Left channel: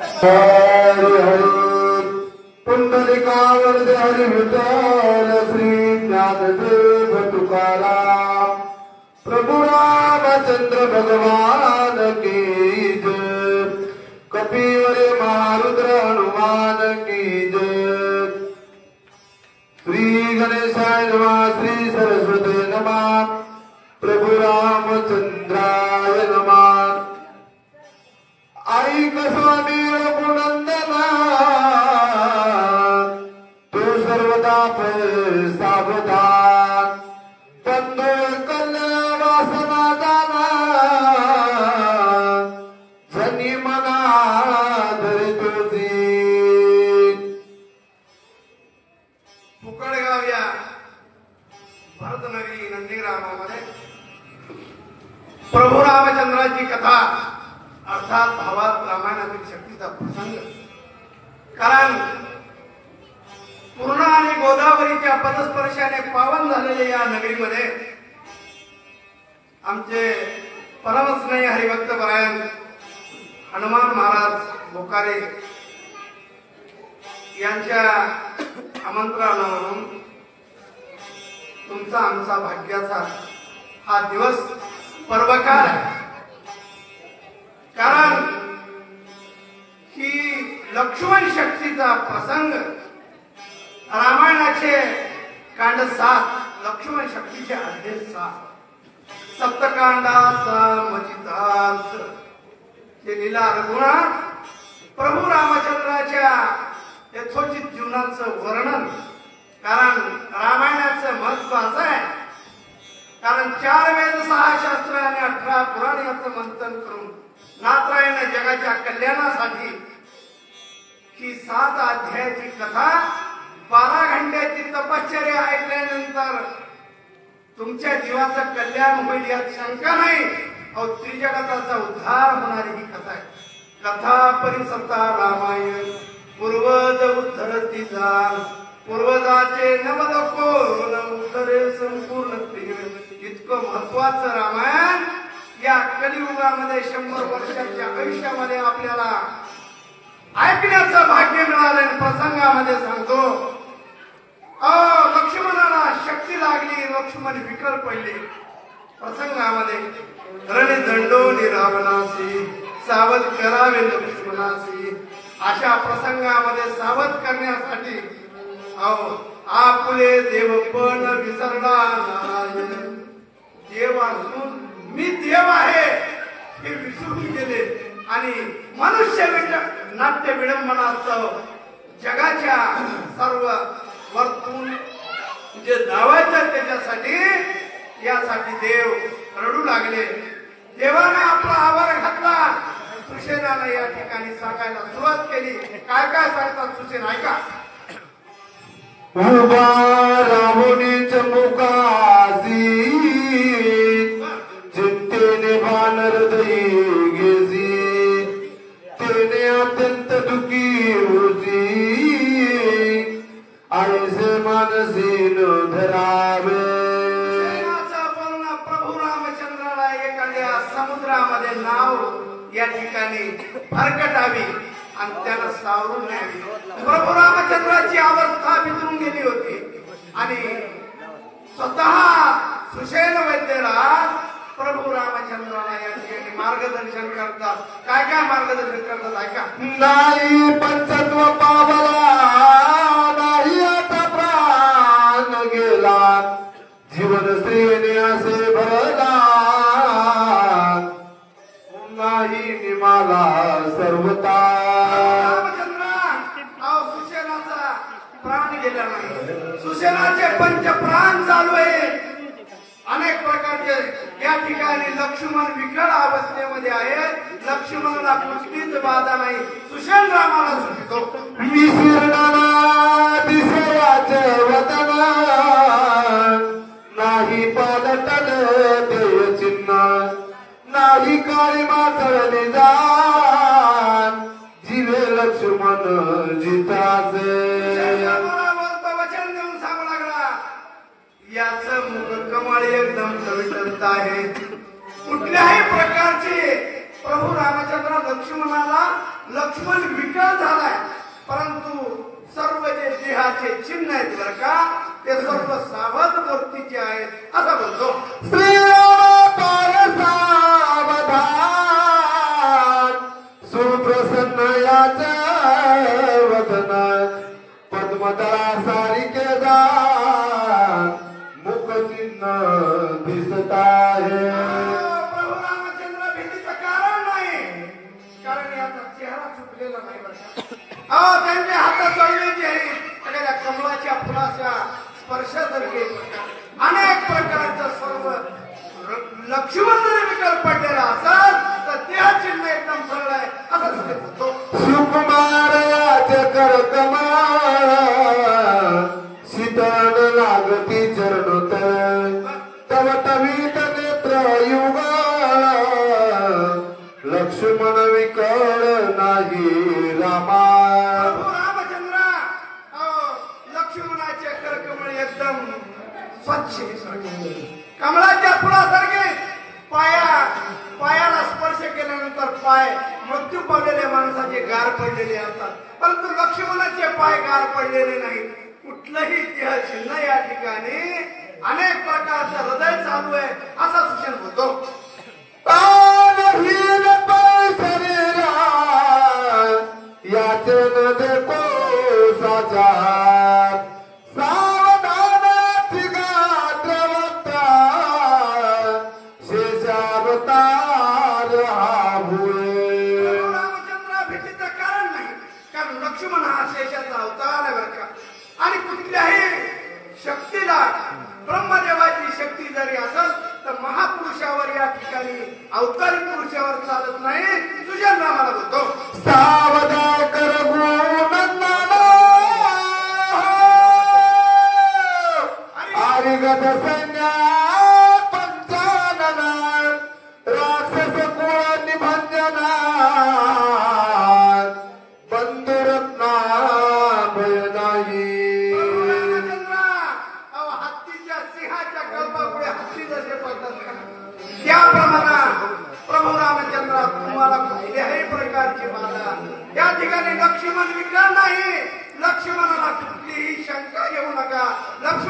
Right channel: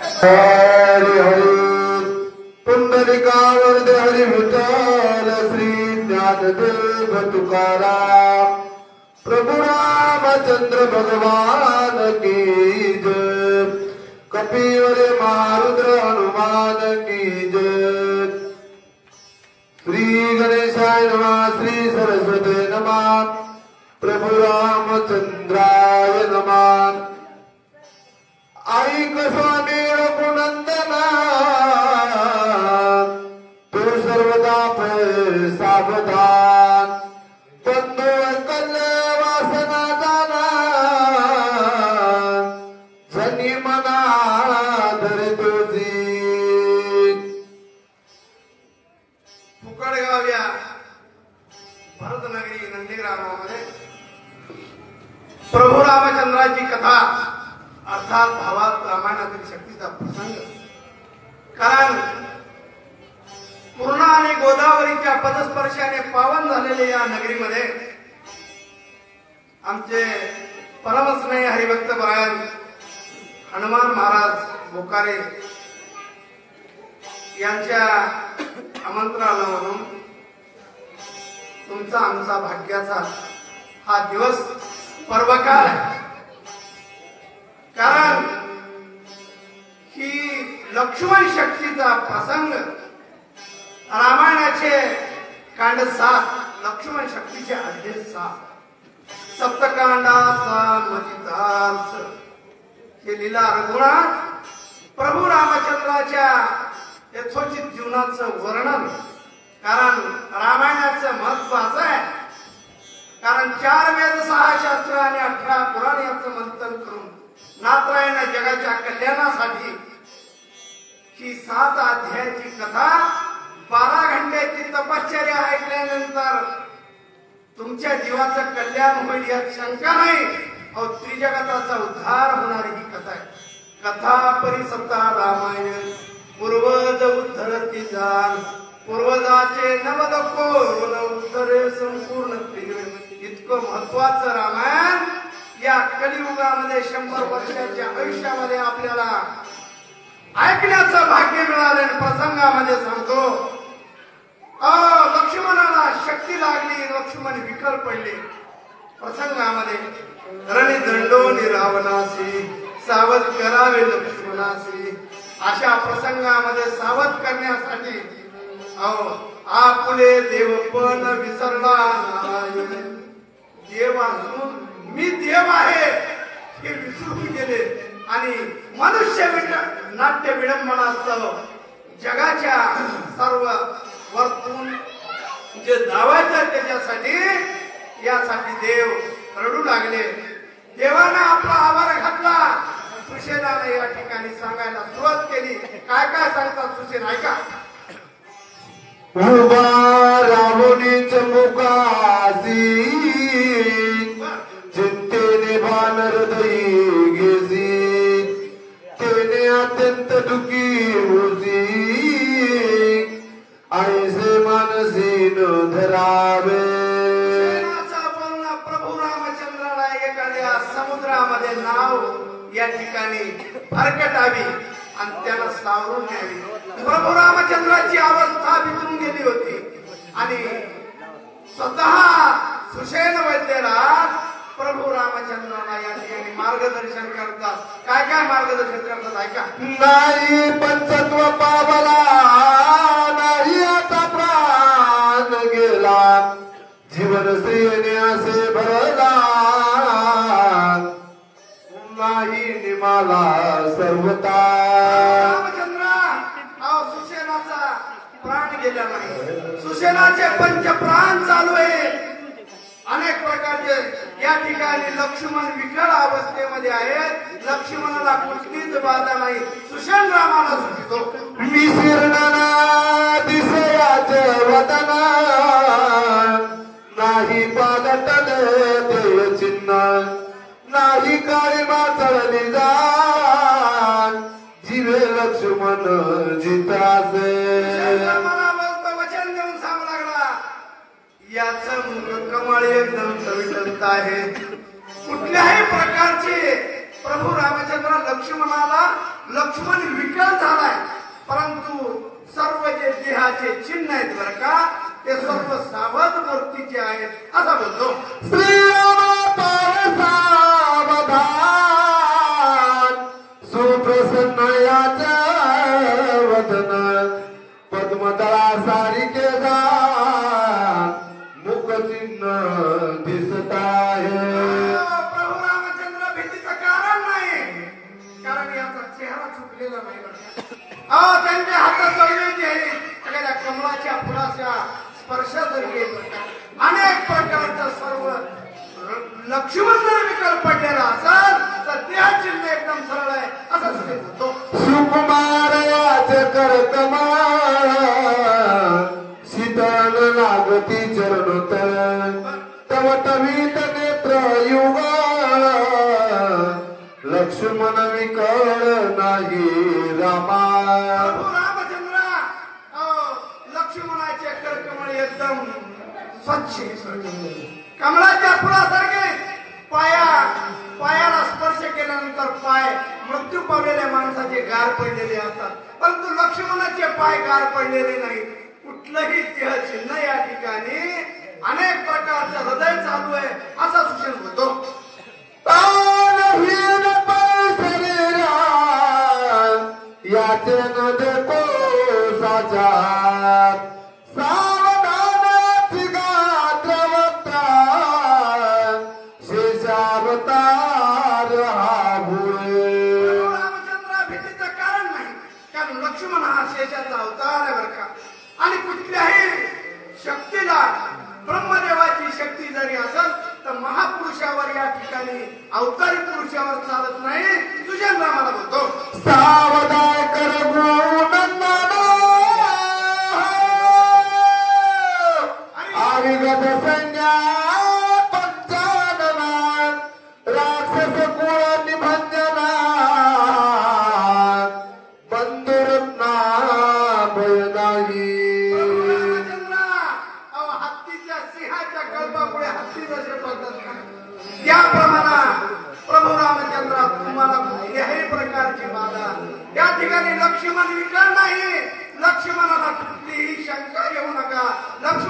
हरी हरी पुंडलिकावरदे हरी विठ्ठल श्री ज्ञानदेव तुकाराम प्रभु रामचंद्र भगवान की जय कपिवर महारुद्र हनुमान की जय श्री गणेशाय नमः श्री सरस्वती नमः प्रभु रामचंद्राय नमः ऐक स्वामी रघुनंदना तू सर्वदा सावधान बंधू कल वासना जाना जनी मना धरी तुझी मुकळगाव या भरतनगरी नंदीग्रामामध्ये प्रभू रामचंद्राची कथा अर्थात भावात रामायणातील शक्तीचा प्रसंग कारण पूर्णा आणि गोदावरीच्या पदस्पर्शाने पावन झालेले या नगरीमध्ये आमचे परमस्नेही हरिभक्त परायण हनुमान महाराज बोकारे यांच्या आमंत्रणावरून तुमचा आमचा भाग्याचा हा दिवस पर्वकाळ आहे कारण ही लक्ष्मण शक्तीचा प्रसंग रामायणाचे कांड 7 लक्ष्मण शक्तीचे अध्याय 7 सप्तकांडाचा मतितार्थ हे लीला रघुनाथ प्रभू रामचंद्राच्या यथोचित जीवनाचं वर्णन कारण रामायणाचं महत्व असं आहे कारण 4 वेद 6 शास्त्र आणि 18 पुराण याचं मंथन करून नाथरायण जगाच्या कल्याणासाठी ही 7 अध्यायाची कथा 12 घंट्याची तपश्चर्या ऐकल्यानंतर तुमच्या जीवाचं कल्याण होईल यात शंका नाही और त्रिजगताचा उद्धार होणारी ही कथा आहे कथा परिसप्ता रामायण पूर्वज उद्धरती जाण पूर्वजाचे नवद कोण उत्तरे संपूर्ण प्रिय इतकं महत्वाचं रामायण या कलियुगामध्ये 100 वर्षाच्या आयुष्यामध्ये आपल्याला ऐकण्याचं भाग्य मिळालं प्रसंगामध्ये सांगतो लक्ष्मणाला शक्ती लागली लक्ष्मण विकल पडले प्रसंगामध्ये रणदंडोनी रावणासी सावध करावे लक्ष्मणासी अशा प्रसंगामध्ये सावध करण्यासाठी आपुले देवपण विसरला देव असून मी देव आहे हे विसरून गेले आणि मनुष्य नाट्य विडंबनास्तव जगाच्या सर्व वरतून जे धावायचं त्याच्यासाठी यासाठी देव रडू लागले देवाने आपला आभार घातला सुसेनाने या ठिकाणी सांगायला सुरुवात केली काय काय सांगतात सुसेन ऐका उभा रामुनी चमुकासी चिंतेने बानर दई गेसी तेने अत्यंत दुखी होसी ऐसे मानसी न धरावे बोलणं प्रभू रामचंद्राला एखाद्या समुद्रामध्ये नाव या ठिकाणी भरकटावी आणि त्याला सावरून न्यावी प्रभू रामचंद्राची अवस्था बिथरून गेली होती आणि स्वतः सुसेन वैद्यराज प्रभू रामचंद्राला या ठिकाणी मार्गदर्शन करतात काय काय मार्गदर्शन करतात ऐका नाही पंचत्व पावला नाही आता प्राण गेला जीवन स्त्रीने असे भरला नाही निमाला सर्वता सुसेनाचा प्राण गेला नाही सुसेनाचे पंच प्राण चालू आहे अनेक प्रकारचे या ठिकाणी लक्ष्मण विकट अवस्थेमध्ये आहेत लक्ष्मणाला कुठलीच बाधा नाही सुसेन रामाला सुटतो विसरणारा दिसयाचे वदन नाही पालटल देव चिन्ह नाही काळी माचळली जाण जीवे लक्ष्मण जिताचे वचन देऊन सांगू लागला याचं मुख कमळ एकदम टवटवीत आहे कुठल्याही प्रकारचे प्रभू रामचंद्र लक्ष्मणाला लक्ष्मण विकल झालाय, परंतु सर्व जे देहाचे चिन्ह आहेत बरं का ते सर्व सावध मूर्तीचे आहेत असं बोलतो. श्रीराम सावधान सुप्रसन्न याच्या वदन पद्मदळा सारिके जाण मुखचिन्ह दिसत आहे. प्रभू रामचंद्र भीतीचं कारण नाही, कारण याचा चेहरा चुकलेला नाही बरं का. त्यांच्या हातात जोडले जे आहे एखाद्या कमळाच्या फुलाच्या स्पर्शासारखे अनेक प्रकारचं सर्व लक्ष्मण जर विकल पडलेला असेल तर त्या चिन्ह एकदम सरळ आहे असं सगळे होतो. सुकुमार याचे कर कमाल शीतल लागती चरणोत तव तवीत नेत्र युग लक्ष्मण विकळ नाही रामा. प्रभू रामचंद्र लक्ष्मणाचे करकमळ एकदम स्वच्छ कमळाच्या फुलासारखे पायाला स्पर्श केल्यानंतर पाय मृत्यू पावलेल्या माणसाचे गार पडलेले असतात, परंतु लक्ष्मणाचे पाय गार पडलेले नाही. कुठलंही देह चिन्ह या ठिकाणी अनेक प्रकारचं हृदय चालू आहे असा सूचन होतो. तानहीन शरीरा याचे न देखो साचा सावधानाची गात्रवक्ता शेषावतार हा भुये. रामचंद्र भीतीचं कारण नाही, कारण लक्ष्मण हा शेषाचा अवतार आहे बरं का. आणि कुठल्याही शक्तीला ब्रह्मदेवाची शक्ती जरी असेल तर महापुरुषावर या ठिकाणी अवतारी पुरुषावर चालत नाही. सुजन रामाला बोलतो सावधा कर गुणनंदना आरिगत संज्ञा पंचानना राक्षस कुळ निभंजना बंधुरत्ना भय नाही. हत्तीच्या सिंहाच्या कल्पामुळे हत्ती जसे पडतात त्याप्रमाणे प्रभू रामचंद्र तुम्हाला कुठल्याही प्रकारची बाधा या ठिकाणी लक्ष्मण विकल नाही. लक्ष्मणाला कुठलीही शंका येऊ नका. लक्ष्मण